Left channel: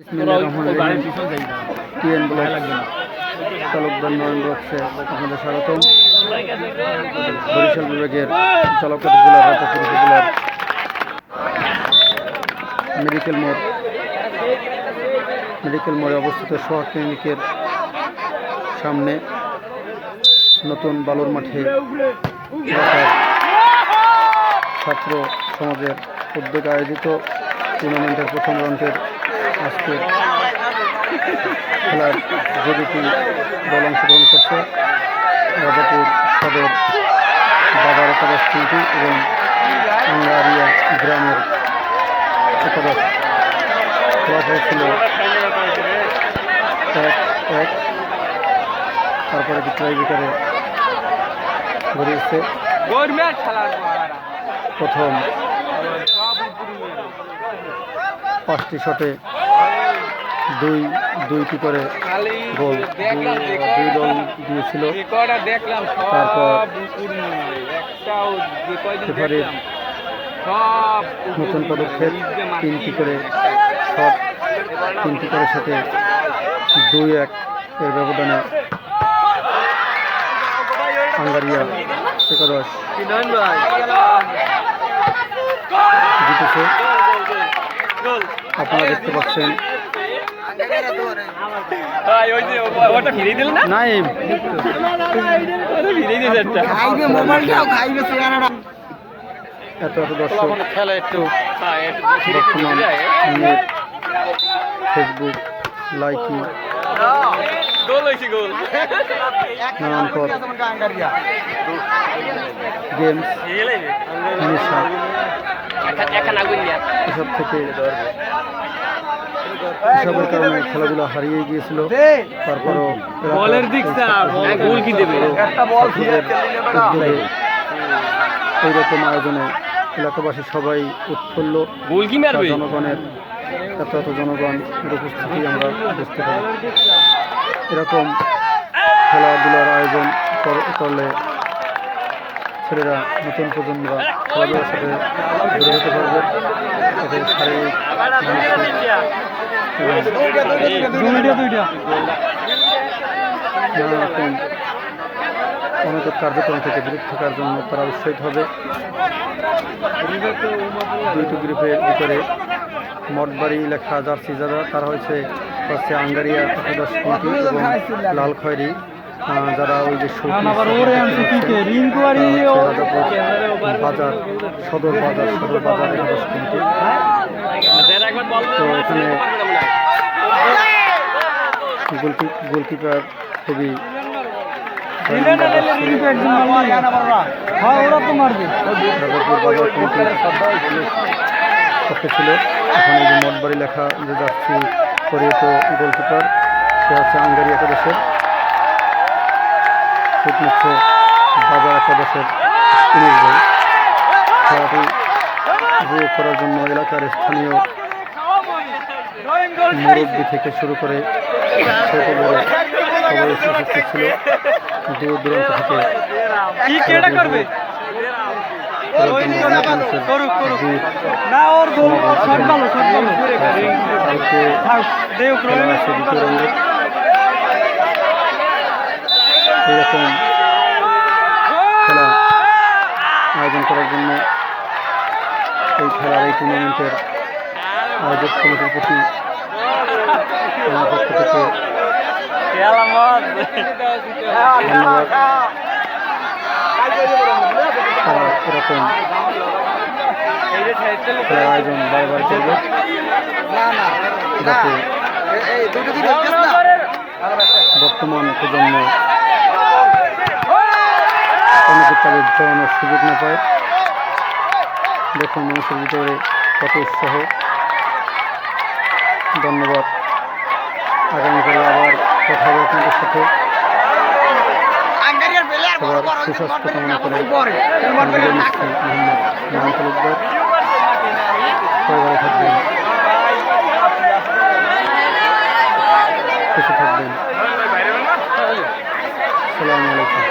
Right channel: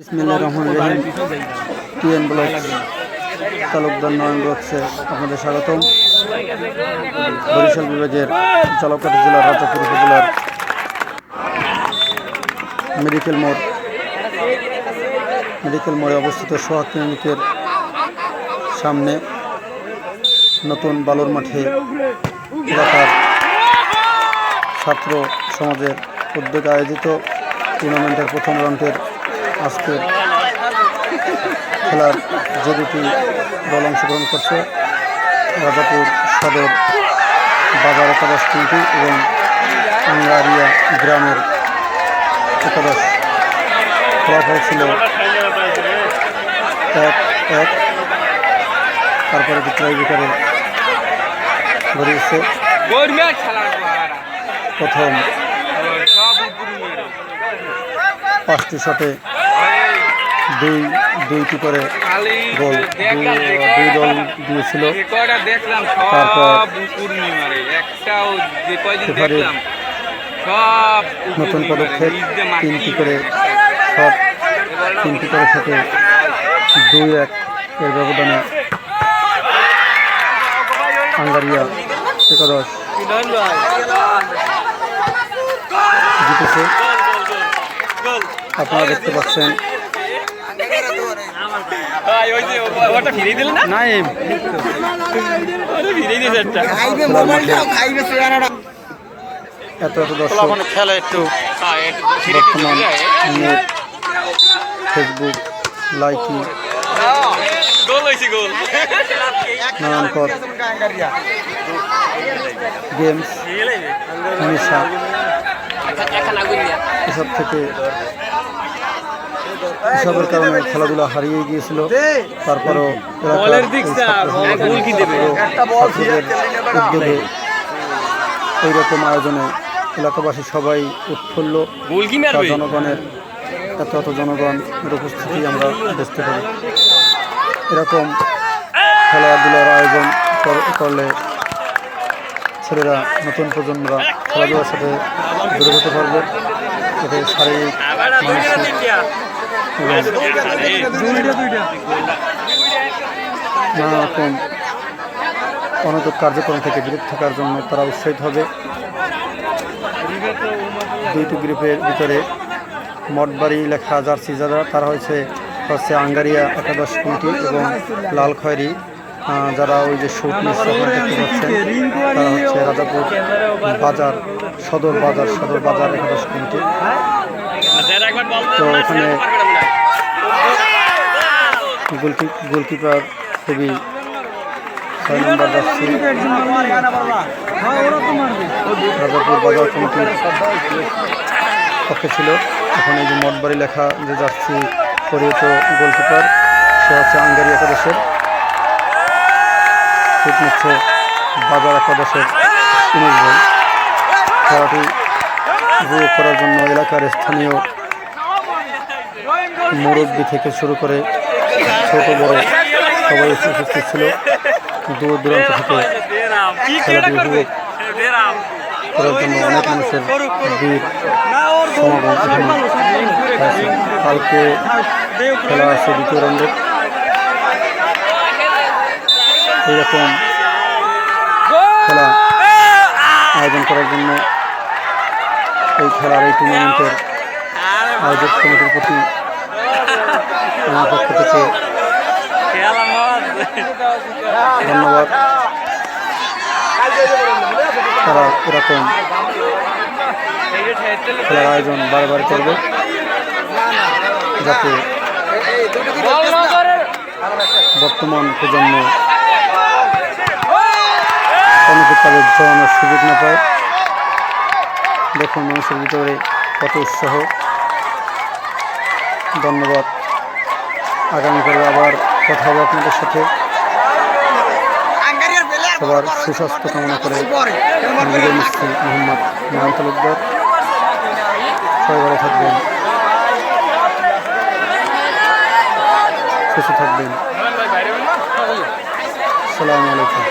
বিসমিল্লাহির রহমানির রহিম। TN block Talukdar নয়ন ব্লকসে আপনাদের স্বাগতম। বরিশাল বিভাগের ঝালকাঠি জেলার রাজাপুর উপজেলার মেডিকেল মোড়ে অবস্থিত সোহাগ ক্লিনিকের সামনে নতুন বালুর মাঠে এলাকার ছাত্র সমাজের উদ্যোগে আয়োজিত টুর্নামেন্টের প্রথম রাউন্ডের আজকের খেলার যে দুটি দল অংশগ্রহণ করছে, রাজাপুর সদর বাজার একাদশ টিমটি এবং আঙ্গারিয়া গ্রামের একাদশ। ফলাফল ছিল 1-1। তারপরে ট্রাইব্রেকারে গড়িয়েছে প্রথম 5টি শটে দুইটি করে গোল দুই দল দিয়েছিল। তারপর রেফারির নতুন পদক্ষেপ, 3টি করে শটে 2-1 এর ব্যবধানে আঙ্গারিয়া একাদশ জিতেছে। আপনারা দেখতে পাচ্ছেন এত দর্শক খেলা একটু বর্তমান নেট, ফেসবুক, লাইকি, নানান পথ গেমস, নেশা এসবের কারণে খেলাধুলা হারিয়ে গিয়েছিল। তারপরও ছাত্রদের উদ্যোগে এইরকম আয়োজনে এলাকাবাসী সবাই উৎফুল্ল। জনগণের এত জনগণের উপস্থিতি আমরা বুঝতে পারি। এরকম খেলাধুলার আয়োজন করলে ছেলেরা, নতুন প্রজন্মরা খেলাধুলার সাথে জড়িত হতে পারবে। এতে শারীরিক, মানসিক এবং নানা রকম অনৈতিক কার্যক্রম থেকে বিরত থাকার জন্য তারা উৎসাহিত হবে। দুইটি গ্রুপের ভিতরে মঠবাড়ি লেখা জার্সি যারা, তারা হচ্ছে আঙ্গারিয়া একাদশ কমিটি এবং লাল খয়েরি যারা ওই যে শুট মিশ্র দেখতে পাচ্ছেন, তারা হচ্ছে রাজাপুর বাজার সদর বাজার একাদশ কমিটি। তো এখানে গোলকিপার খুবই 6 নম্বর যাচ্ছি রাজাপুর বাজার কমিটির পক্ষে ছিল। এখন এই যে মঠবাড়ি লেখা যে যাচ্ছি পরিহিত গোলকিপার, সে হচ্ছে আঙ্গারি একাদশের। শুট নিচ্ছে বাজার একাদশের 19 জন। খেলাটি উপভোগ করার জন্য এলাকার স্থানীয় মুরব্বী থেকে শুরু করে ছোট বড় সবাই উপস্থিত ছিল। দূর দূরান্ত থেকে খেলাটি উপভোগ করার জন্য অনেক মানুষের ভিড় সমাগম এখানে। কালকে খেলা আছে 2য় রাউন্ডের। এইরকম খেলা আয়োজন করার জন্য এই টুর্নামেন্টের আয়োজক কমিটির প্রতি আমার পক্ষ থেকে ধন্যবাদ। তারা এরকম খেলার আয়োজন বারবার করবে, যাতে বর্তমান প্রজন্ম অনেকে তাদের জড়ানোর সুযোগ না পায়। দেখুন মানুষের ভিতরে কত উৎসাহ। ধন্যবাদ। আগামীকাল আবার কথা হবে আপনাদের সাথে। সবার সুস্বাস্থ্য কামনা করে বিদায় নিচ্ছি। মোহাম্মদ নয়ন তালুকদার। সবাই ভালো থাকবেন, সুস্থ থাকবেন। আসসালামু আলাইকুম।